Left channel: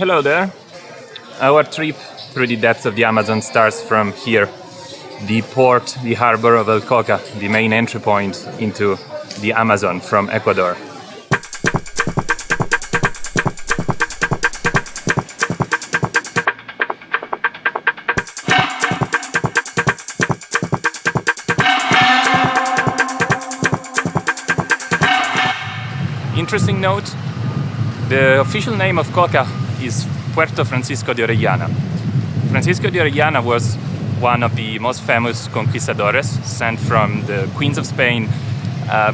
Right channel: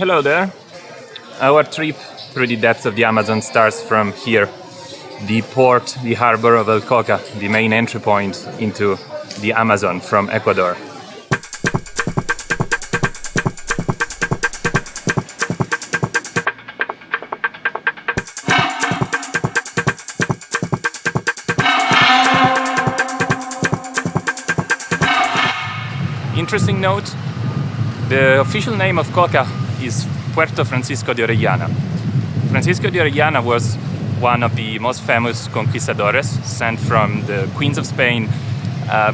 Hello there. Our trip through the depths of the Amazon starts from here, the port, the harbor of El Coca, the main entry point into the Amazon from Ecuador. Interesting note, the official name of Coca is Puerto Francisco de Orellana. Francisco de Orellana was one of the most famous conquistadores sent from the queens of Spain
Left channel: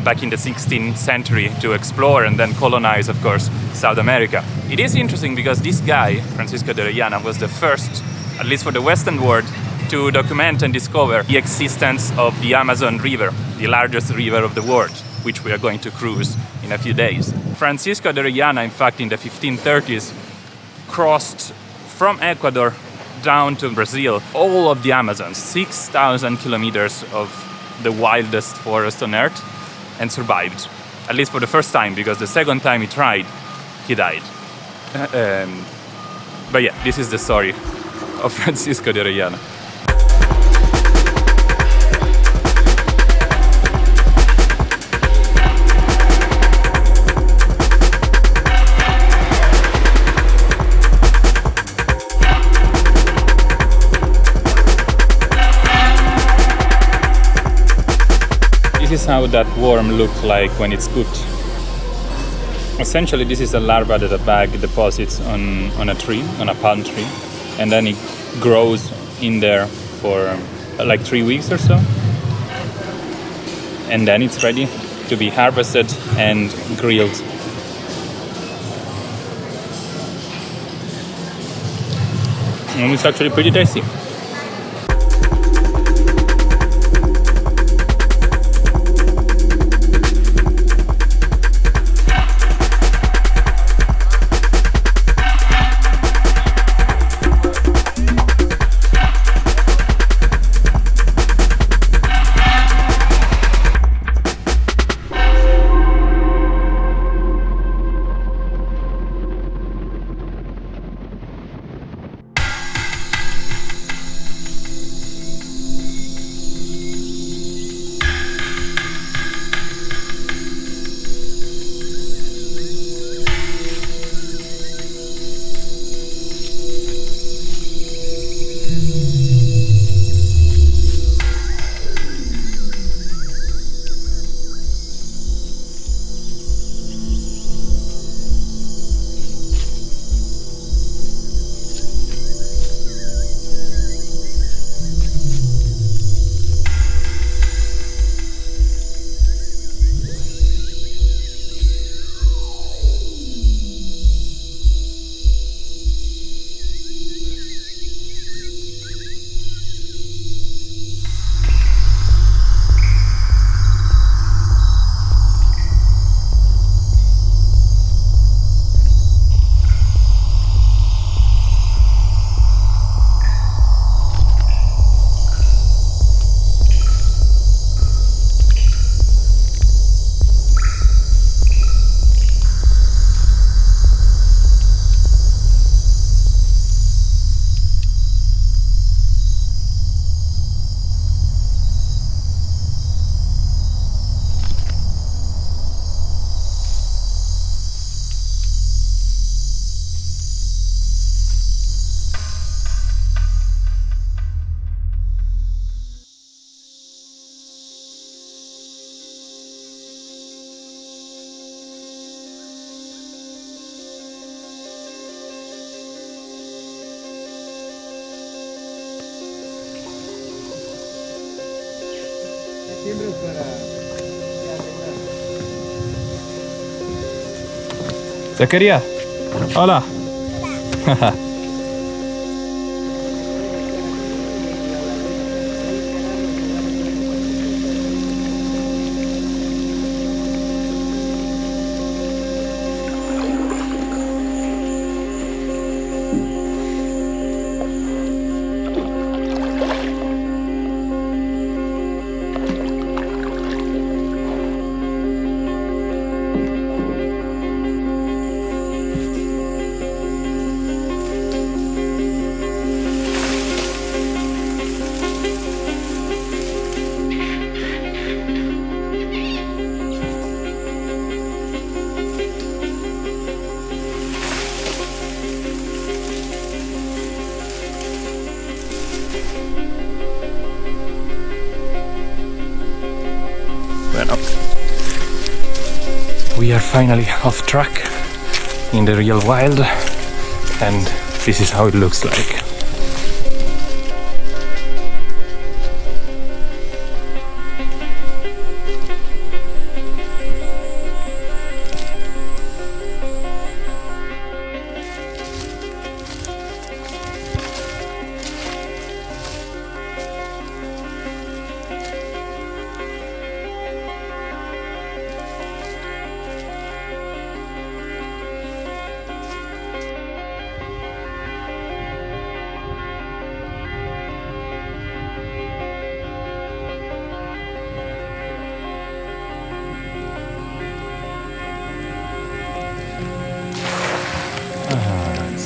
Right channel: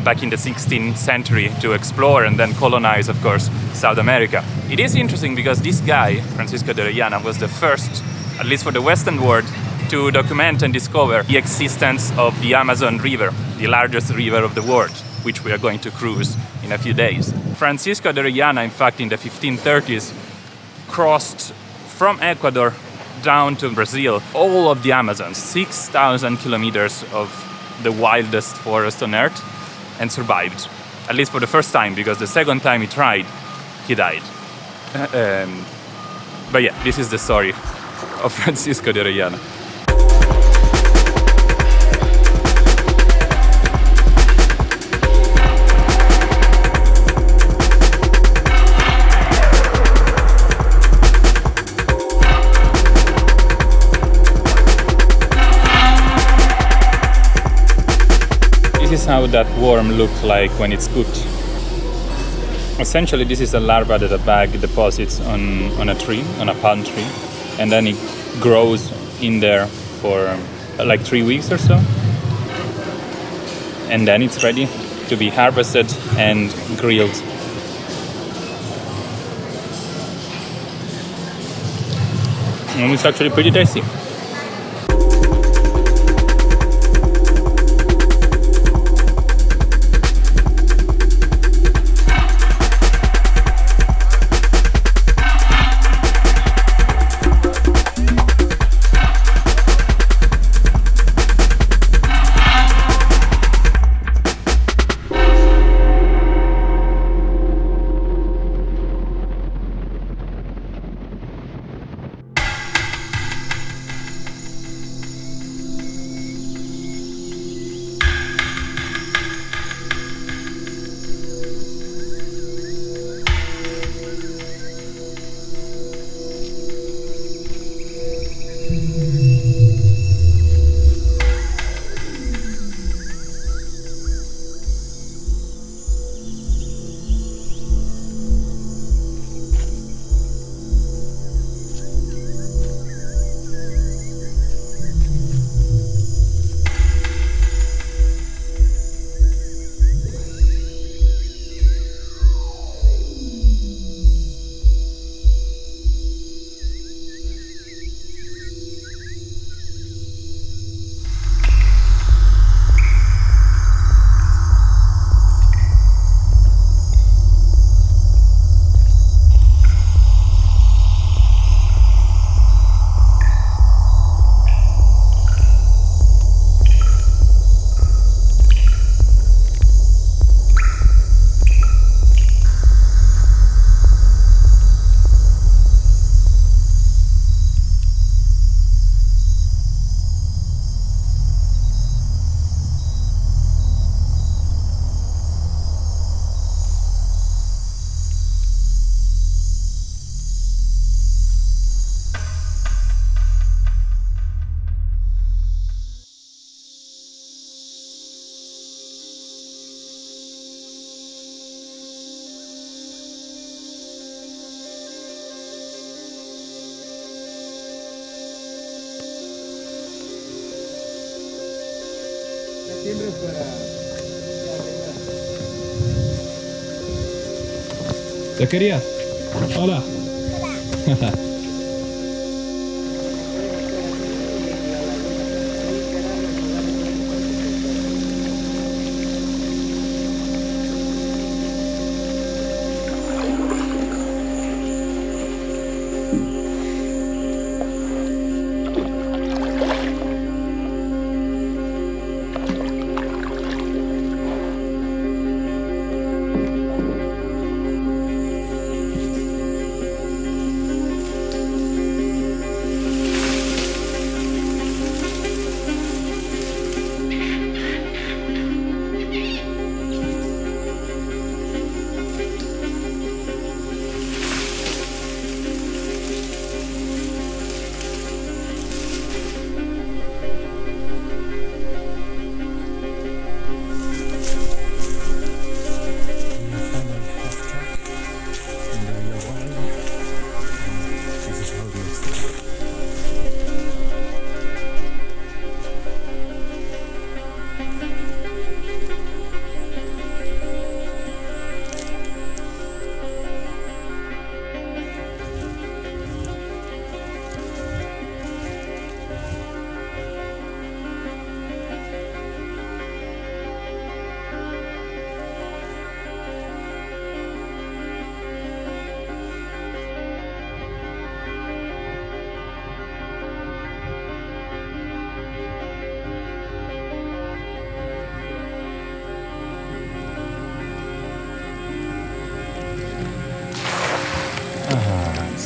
back in the 16th century to explore and then colonize, of course, South America. It is interesting because this guy, Francisco de Orellana, was the first, at least for the Western world, to document and discover the existence of the Amazon River, the largest river of the world, which we are going to cruise in a few days. Francisco de Orellana, in fact, in the 1530s, crossed from Ecuador down to Brazil all of the Amazon, 6,000 kilometers of the wildest forest on earth, and survived, at least for the first time, because the second time he tried, he died. But yeah, this is the story of Francisco de Orellana. This is how that worm looks like when it's cooked. Essentially, this is a larva that a bag deposits on a tree, on a palm tree, and then it grows in there for like 3 weeks or so. And then it's ready to be harvested and grilled. And it's actually pretty tasty. Siempre para ya, Zacarías, hola. We are finally off track in the real wild, and this is how it looks like.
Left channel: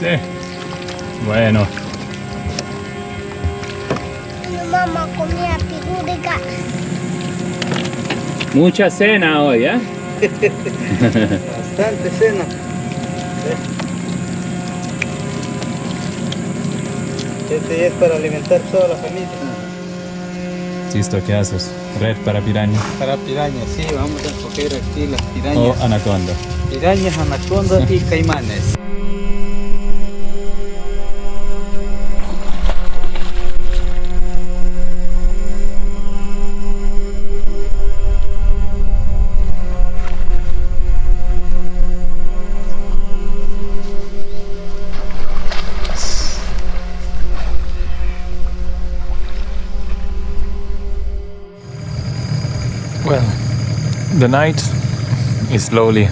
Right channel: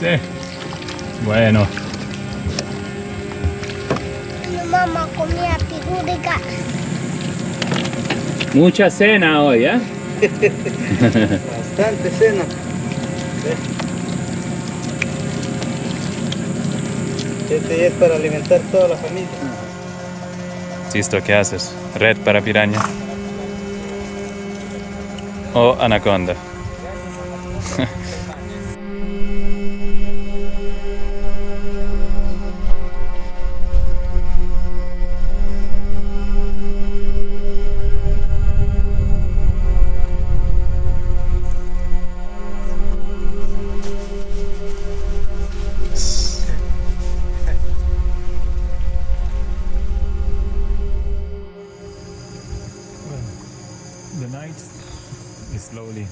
Sí. Bueno. Mi mamá comía pigú de gas. Mucha cena hoy, ¿eh? Bastante cena. Este es para alimentar toda la familia. ¿Esto qué haces? ¿Red para piraña? Para pirañas, sí, vamos a coger aquí las pirañas. ¿O anaconda? Pirañas, anacondas y caimanes. Well, the night is slowly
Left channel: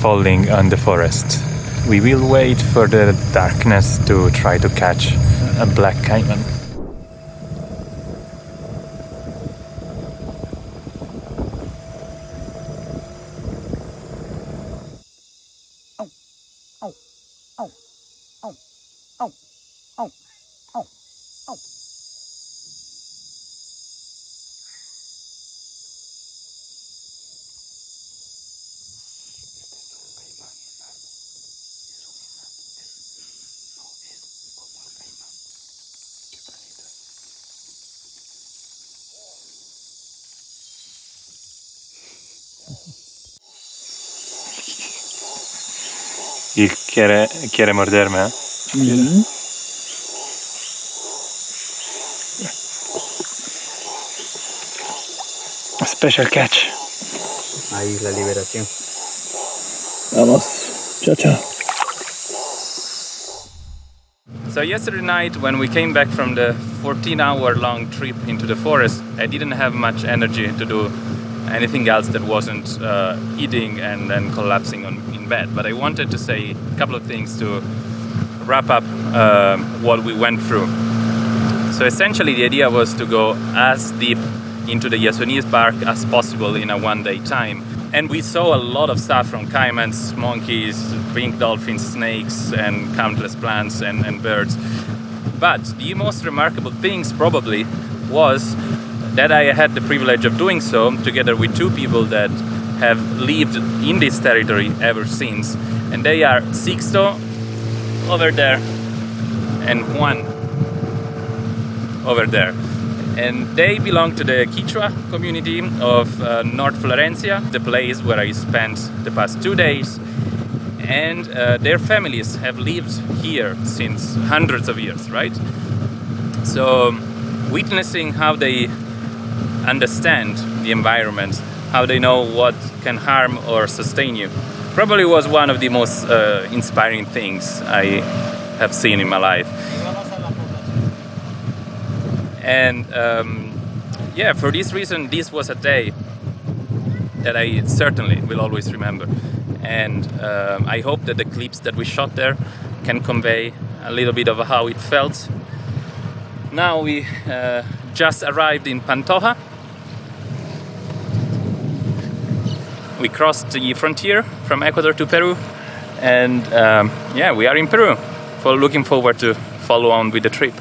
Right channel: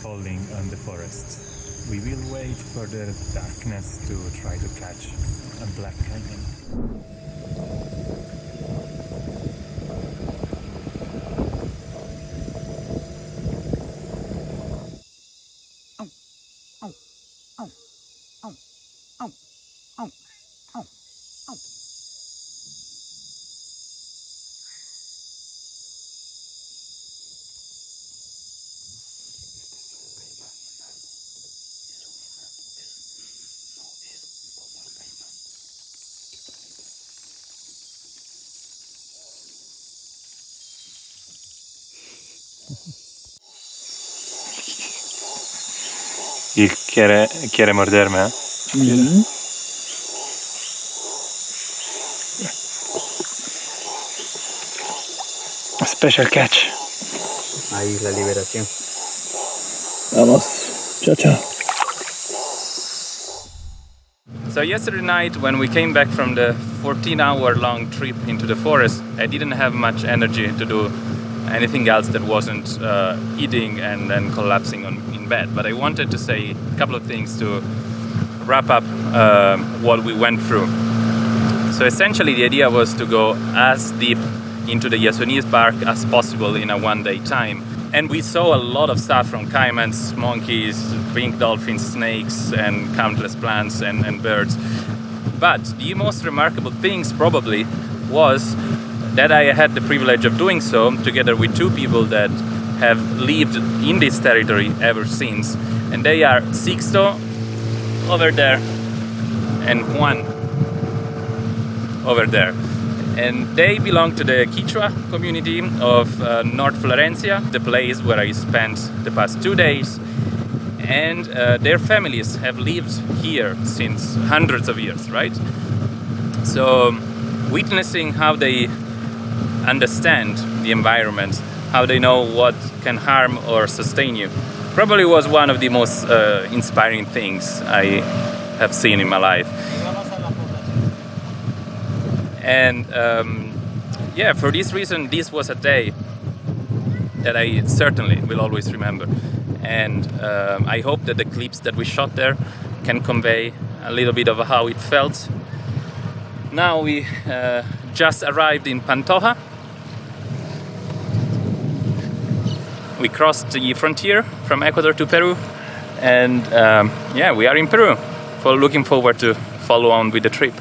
falling on the forest. We will wait for the darkness to try to catch a black caiman. Y quiere morderme, ¿eh? Mm-hmm. A special catch. Ahí la liberación. Vamos. Chao, chao. So yesterday night, when we came back from the 14-hour-long trip into the forest, I didn't have much energy to do anything else that wasn't eating and then collapsing in bed. But I wanted to say a couple of things to wrap up what we went through. So essentially the idea was to go as deep into the Yasuni's bark as possible in a one-day time. And we saw a lot of stuff from caimans, monkeys, pink dolphins, snakes, and countless plants and birds. But the most remarkable things probably was that I had the privilege of doing so together with two people that have lived in this territory ever since. And they are Sixto over there and Juan over there. And they belong to the Quichua community of North Florencia, the place where I spent the past 2 days. And their families have lived here since hundreds of years, right? So witnessing how they understand the environment, how they know what can harm or sustain you, probably was one of the most inspiring things I have seen in my life. And yeah, for this reason, this was a day that I certainly will always remember. And I hope that the clips that we shot there can convey a little bit of how it felt. Now we just arrived in Pantoja. We crossed the frontier from Ecuador to Peru, and yeah, we are in Peru. Looking forward to follow on with the trip.